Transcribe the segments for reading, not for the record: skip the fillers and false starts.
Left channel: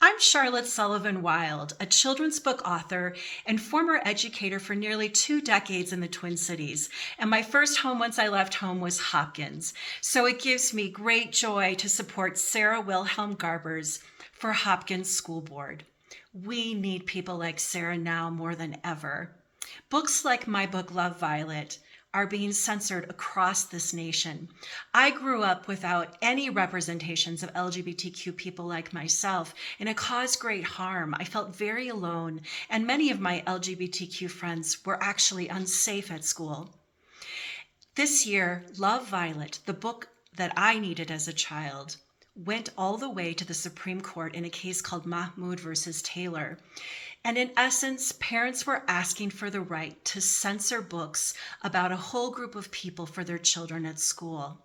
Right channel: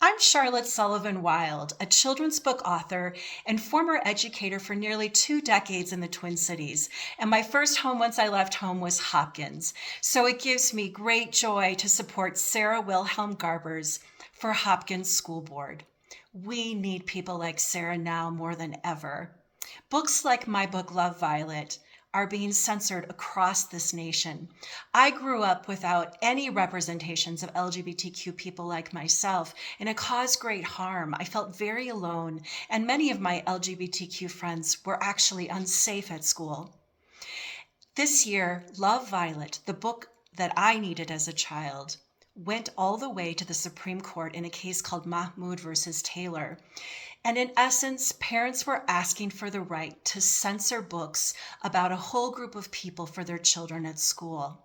I'm Charlotte Sullivan Wild, a children's book author and former educator for nearly 2 decades in the Twin Cities. And my first home once I left home was Hopkins. So it gives me great joy to support Sara Wilhelm-Garbers for Hopkins School Board. We need people like Sara now more than ever. Books like my book, Love Violet, are being censored across this nation. I grew up without any representations of LGBTQ people like myself, and it caused great harm. I felt very alone, and many of my LGBTQ friends were actually unsafe at school. This year, Love Violet, the book that I needed as a child, went all the way to the Supreme Court in a case called Mahmoud versus Taylor. And in essence, parents were asking for the right to censor books about a whole group of people for their children at school.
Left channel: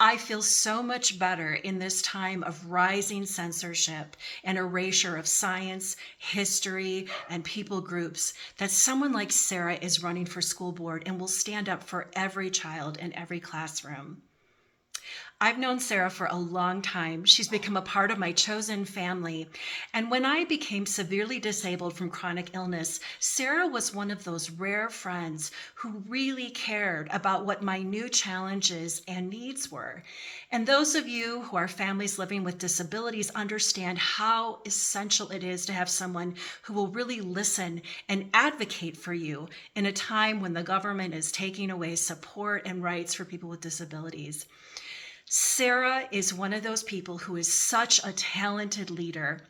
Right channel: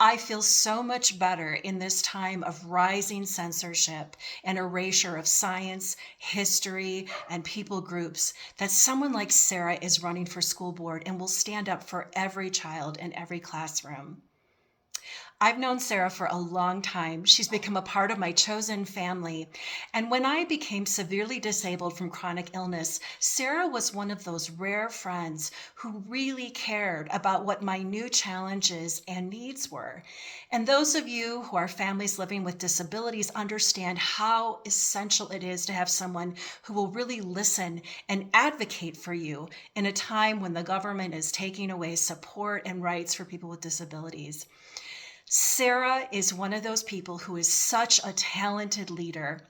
I feel so much better in this time of rising censorship and erasure of science, history, and people groups that someone like Sara is running for school board and will stand up for every child in every classroom. I've known Sara for a long time. She's become a part of my chosen family. And when I became severely disabled from chronic illness, Sara was one of those rare friends who really cared about what my new challenges and needs were. And those of you who are families living with disabilities understand how essential it is to have someone who will really listen and advocate for you in a time when the government is taking away support and rights for people with disabilities. Sara is one of those people who is such a talented leader.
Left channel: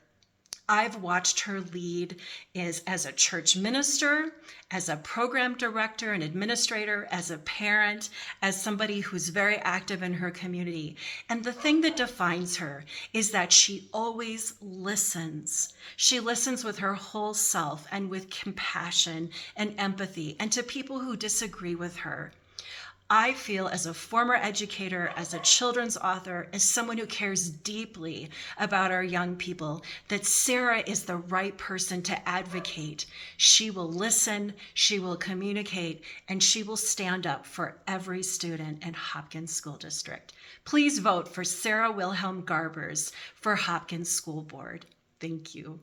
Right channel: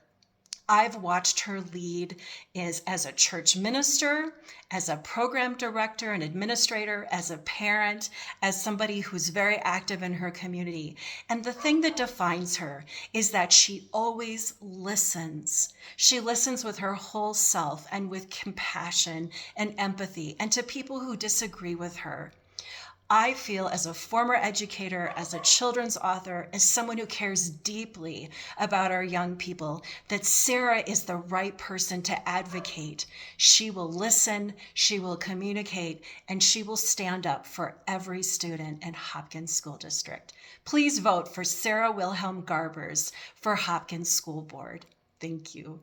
I've watched her lead as a church minister, as a program director and administrator, as a parent, as somebody who's very active in her community. And the thing that defines her is that she always listens. She listens with her whole self and with compassion and empathy, and to people who disagree with her. I feel, as a former educator, as a children's author, as someone who cares deeply about our young people, that Sara is the right person to advocate. She will listen, she will communicate, and she will stand up for every student in Hopkins School District. Please vote for Sara Wilhelm-Garbers for Hopkins School Board. Thank you.